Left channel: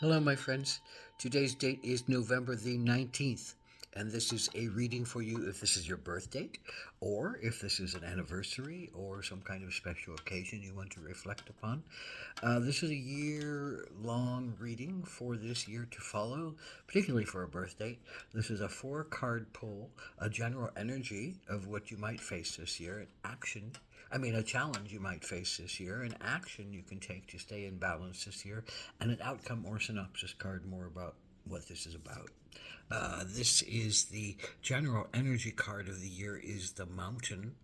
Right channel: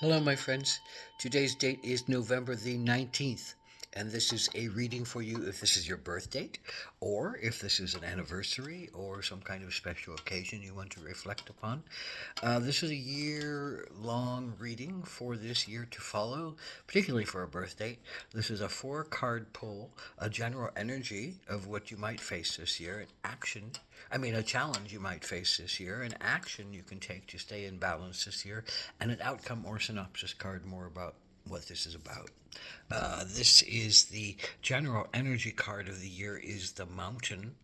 Hello, my friends. Today's date is November the 19th, and this is a reading for you if this is your birth date, or if this is an anniversary or some kind of special occasion you want to reflect upon. This is a year long reading for this year to follow, particularly for a birth date. This is a 4 card pull, a general energy of what you might face this year, a challenge you might face this year, an action you can take to stay in balance this year, and an outcome or synopsis card more about what this is about. This is the general energy card of the year is the mountain.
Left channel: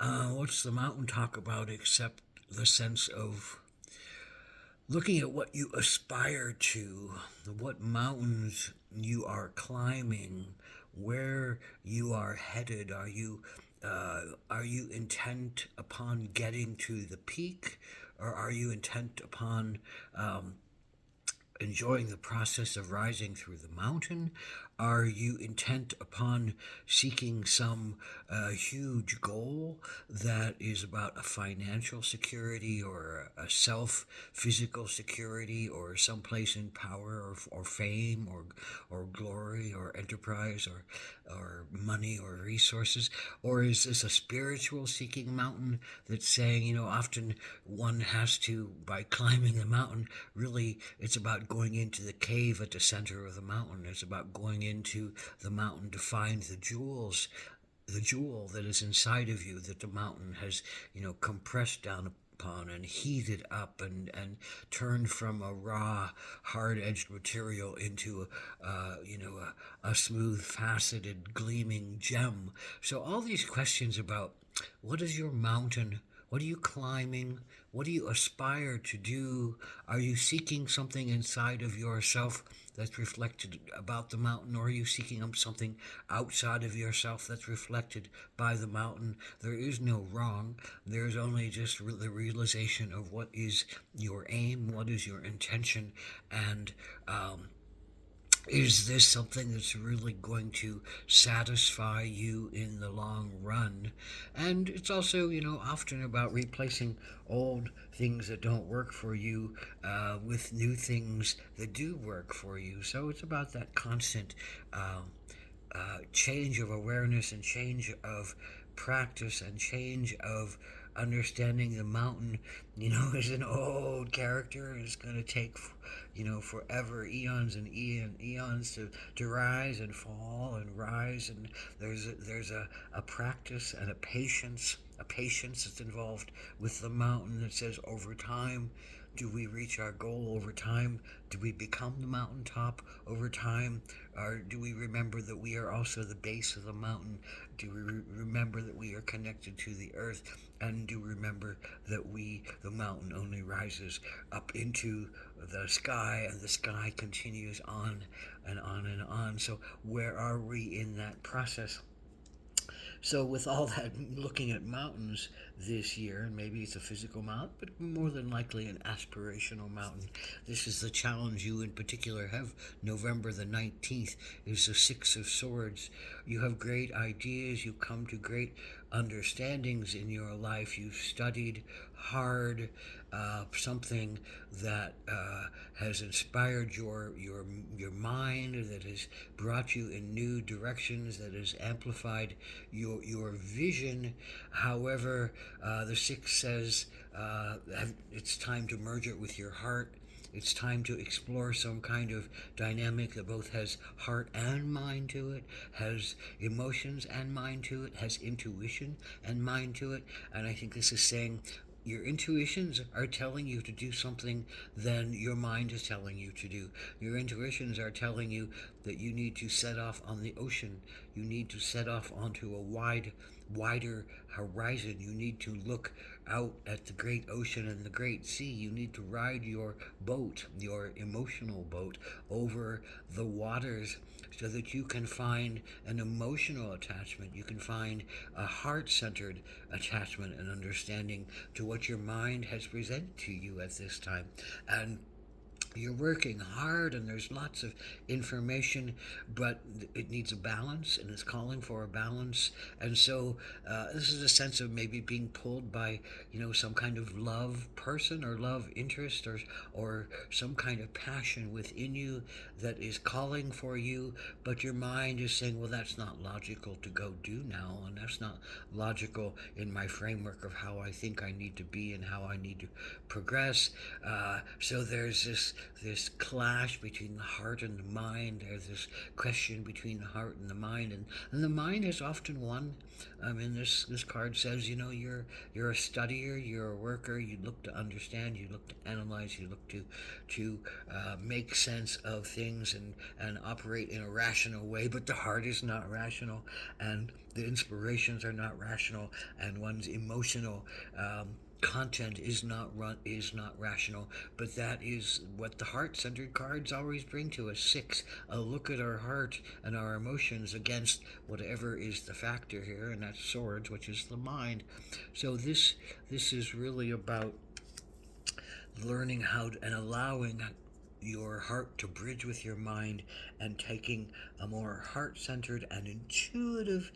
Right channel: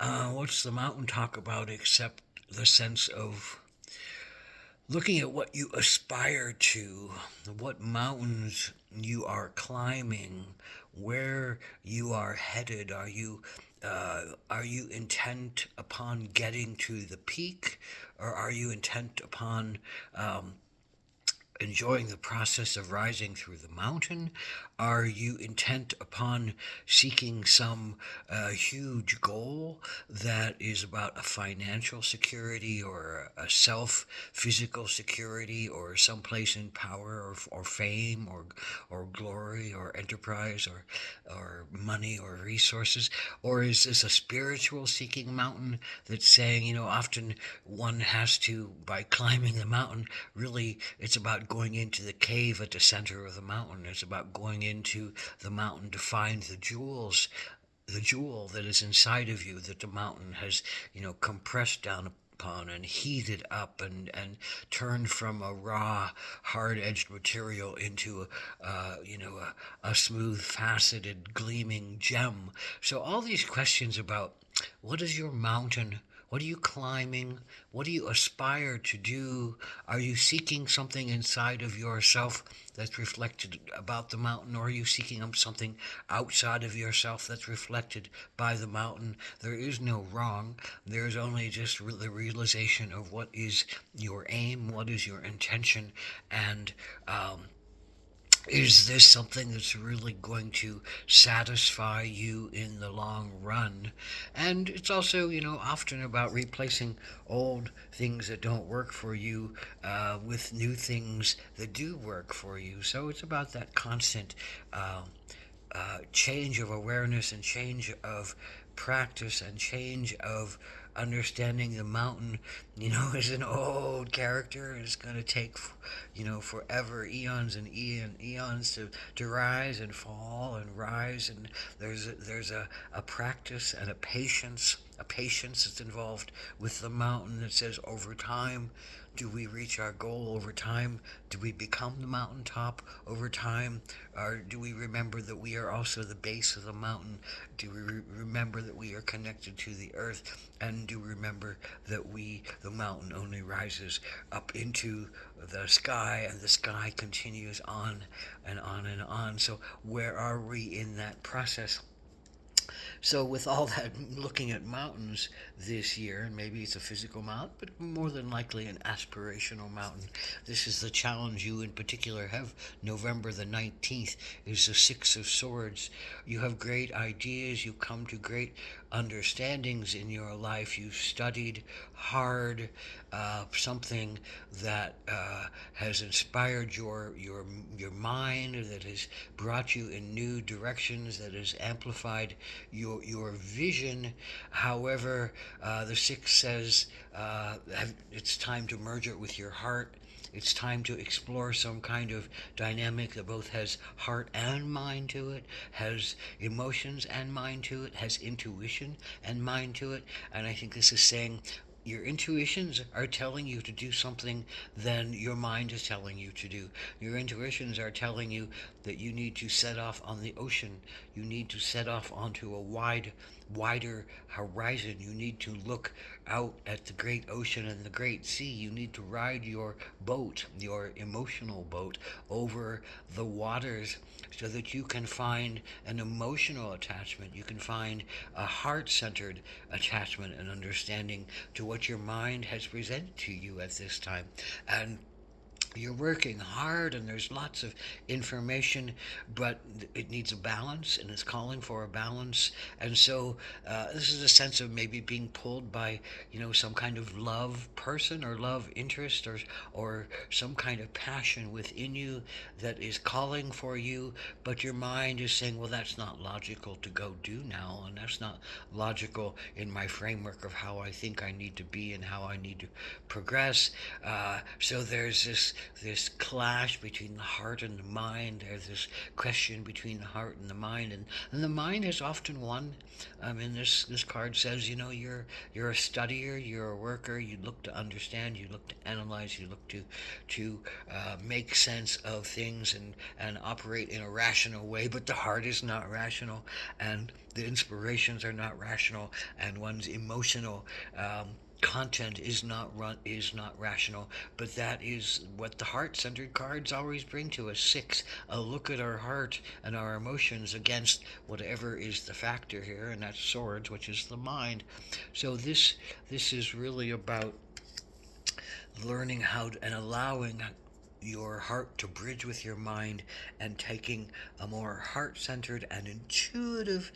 What's the mountain talk about except the sense of looking at what you aspire to, what mountains you are climbing, where you are headed. Are you intent upon getting to the peak, or are you intent upon enjoying the process of rising through the mountain? Are you intent upon seeking some huge goal that is about a financial security or a self physical security or someplace in power or fame or glory or enterprise or money or resources? Or is this a spiritual seeking mountain that's saying, often one has to, by climbing the mountain, really it's about going into the cave at the center of the mountain. It's about going into the mountain to find the jewel that is inside of you that the mountain has, compressed down upon and heated up and turned from a raw, hard-edged material into a smooth, faceted, gleaming gem. So all these questions about what is your mountain? What are you climbing? What do you aspire to do? Are you seeking something inside of yourself that's reflected about the mountain, or are you seeking something outside of yourself that's reflected by the mountain? There is no wrong. There's only just the realization of what is your aim, what is your intention, and is this something that's really going to satisfy you in the long run? And it's also, often about replacing old things that don't work for you with new things that do work for you. So it's about that constant change of awareness and change of practice and change of understanding the mountain, is an old character. It's going to take, forever, eons and eons to rise and fall and rise. And there's a practice and a patience that's involved with the mountain that says over time, do we reach our goal over time? Do we become the mountaintop over time? Or do we remember that we are also the base of the mountain? Do we remember that we are connected to the earth? And do we remember that the mountain only rises up into the sky and the sky continues on and on and on? So where are we in that process? So, with all that, looking at mountains this year, and maybe it's a physical mountain, but more than likely an aspirational mountain. This is the challenge you in particular have. November the 19th is the Six of Swords. You have great ideas, you come to great understandings in your life. You've studied hard, something that has inspired your mind, that has brought you in new directions, that has amplified your vision. However, the six says it's time to merge it with your heart. It's time to explore some kind of dynamic that both has heart and mind to it, has emotions and mind to it, has intuition and mind to it. And I think this is saying your intuitions are telling you to do something than your mind is telling you to do. Your intuitions are telling you that you need to set off on the ocean. You need to set off onto a wider horizon. You need to look out at the great ocean and the great sea. You need to ride your boat, your emotional boat, over the waters so that you can find an emotional attachment. You can find a heart centered attachment and understanding to what your mind has presented to you at this time. And you're working hard and there's lots of information, but it needs a balance and it's calling for a balance. And so this is a sense of maybe being pulled by, some kind of love person or love interest, or some kind of passion within you that is calling for you, but your mind is saying, well, that's not logical to go do now, and that's not logical in my framework of how I think I need to be and how I need to progress. So there's this clash between the heart and the mind. There's this question between the heart and the mind, and the mind is often won. And this card says, you're a studier, you're a worker. You look to understand, you look to analyze, you look to make sense of things and operate in a rational way. But the heart is not rational, and the inspirations are not rational, and one's emotional content is not rational. But that is what the heart-centered cards always bring to us. Six, a look at our heart and our emotions against whatever is the factor here, and that's swords, which is the mind. So this is really about learning how to, and allowing your heart to bridge with your mind, and taking a more heart-centered and intuitive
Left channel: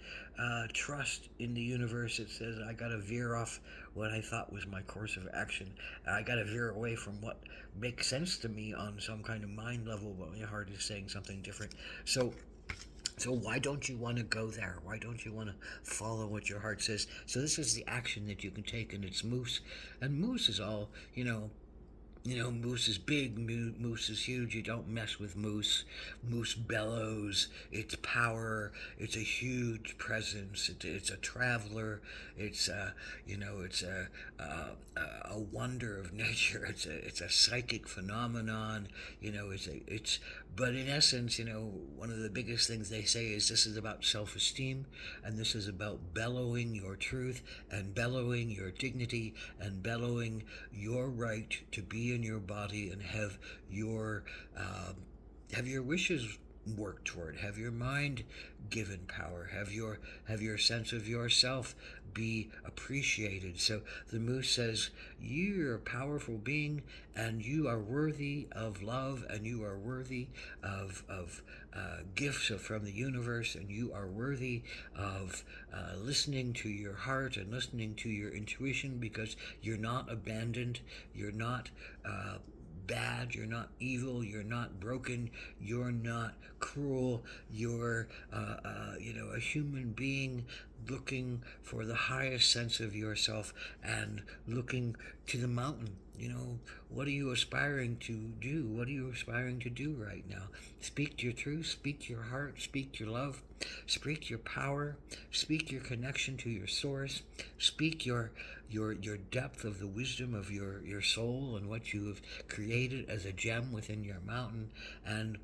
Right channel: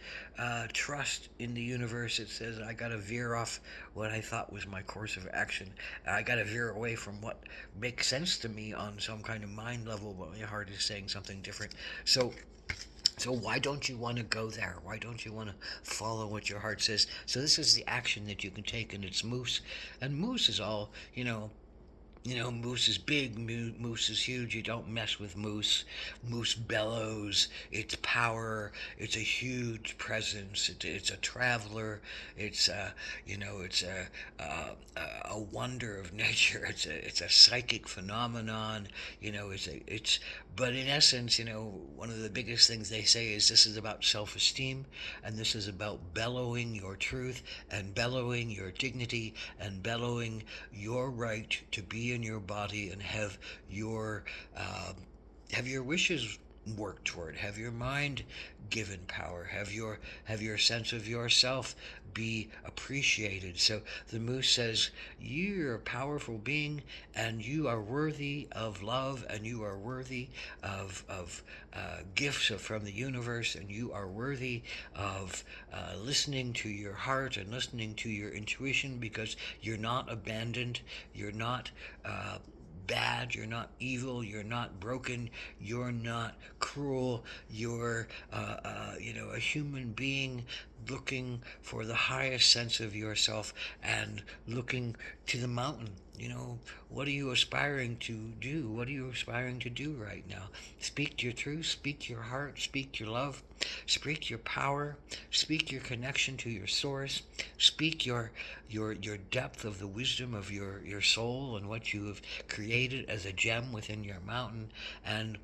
trust in the universe. It says, I got to veer off what I thought was my course of action. I got to veer away from what makes sense to me on some kind of mind level, but my heart is saying something different. So why don't you want to go there? Why don't you want to follow what your heart says? So this is the action that you can take, and it's moose. And moose is all, moose is big, moose is huge. You don't mess with moose. Moose bellows. It's power. It's a huge presence. It's a traveler. It's a wonder of nature. It's a psychic phenomenon. But in essence, one of the biggest things they say is this is about self-esteem, and this is about bellowing your truth, and bellowing your dignity, and bellowing your right to be in your body and have your wishes work toward, have your mind given power, have your sense of yourself be appreciated. So the moose says, you're a powerful being, and you are worthy of love, and you are worthy of gifts from the universe, and you are worthy of listening to your heart and listening to your intuition, because you're not abandoned, you're not bad, you're not evil, you're not broken, you're not cruel, you're a human being looking for the highest sense of yourself and looking to the mountain. What are you aspiring to do? What are you aspiring to do right now? Speak your truth, speak your heart, speak your love, speak your power, speak your connection to your source, speak your depth of the wisdom of your soul and what you have created as a gem within your mountain, and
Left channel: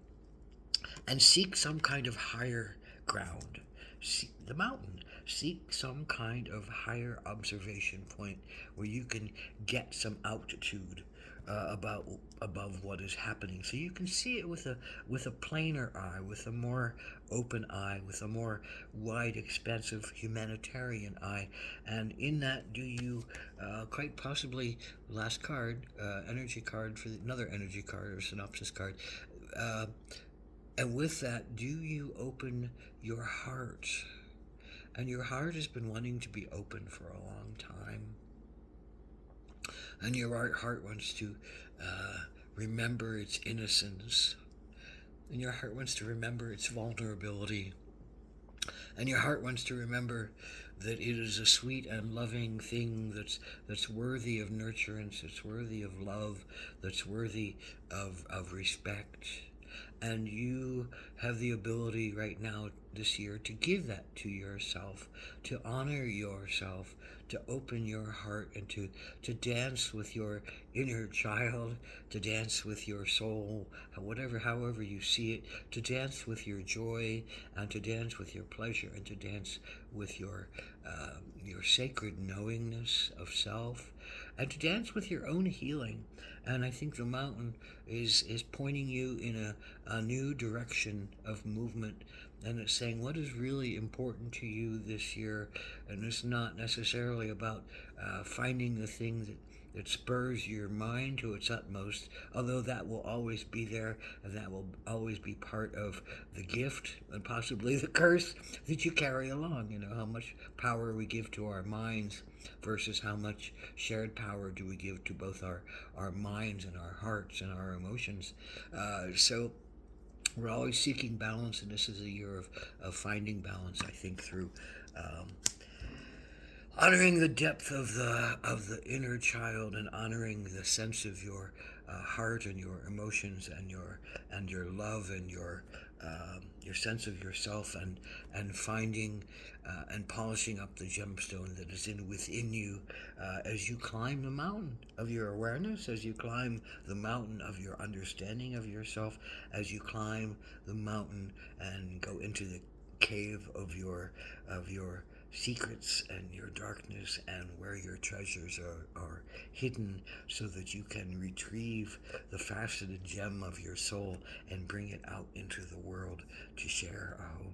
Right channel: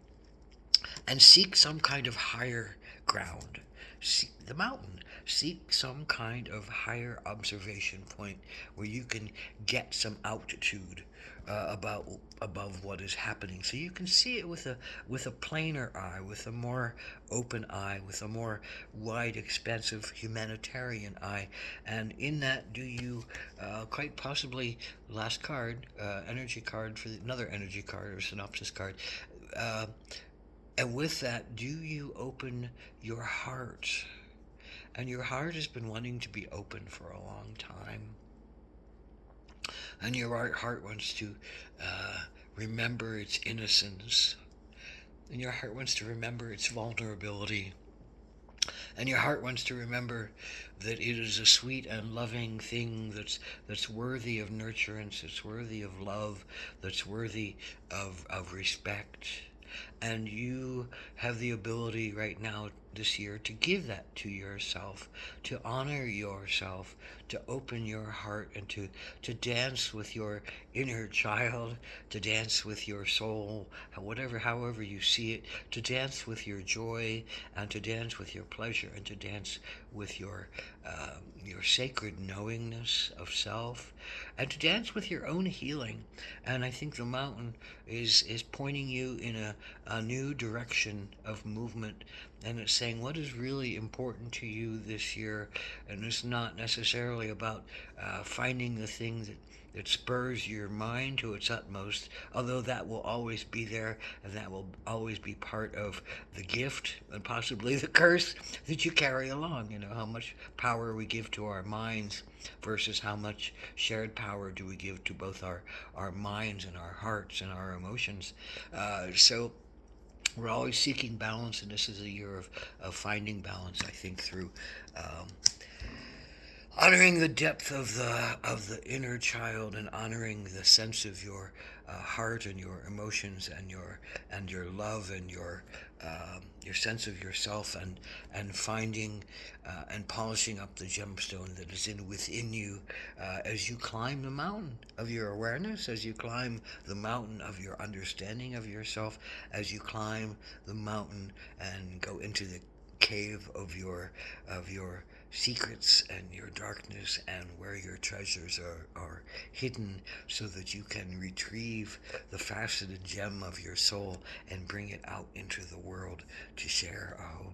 seek some kind of higher ground. Seek the mountain. Seek some kind of higher observation point where you can get some altitude above what is happening, so you can see it with a plainer eye, with a more open eye, with a more wide, expansive humanitarian eye. And in that, do you quite possibly, last card, energy card for another energy card or synopsis card. And with that, do you open your heart? And your heart has been wanting to be open for a long time. And your heart wants to remember its innocence. And your heart wants to remember its vulnerability. And your heart wants to remember that it is a sweet and loving thing that's worthy of nurturance, that's worthy of love, that's worthy of respect. And you have the ability right now, this year, to give that to yourself, to honor yourself, to open your heart, and to dance with your inner child, to dance with your soul, however you see it, to dance with your joy, and to dance with your pleasure, and to dance with your sacred knowingness of self, and to dance with your own healing. And I think the mountain is pointing you in a new direction of movement, and it's saying what is really important to you this year. And it's not necessarily about finding the thing It spurs your mind to its utmost, although that will always be there and that will always be part of the gift and possibly the curse that you carry along. You know, how much power we give to our minds versus how much shared power do we give to both our minds and our hearts and our emotions. So we're always seeking balance, and this is a year of finding balance, I think, through um, honoring the depth of the inner child and honoring the sense of your heart and your emotions and your love and your sense of yourself and finding and polishing up the gemstone that is in within you as you climb the mountain of your awareness, as you climb the mountain of your understanding of yourself, as you climb the mountain and go into the cave of your secrets and your darkness and where your treasures are hidden, so that you can retrieve the faceted gem of your soul and bring it out into the world to share. Ahom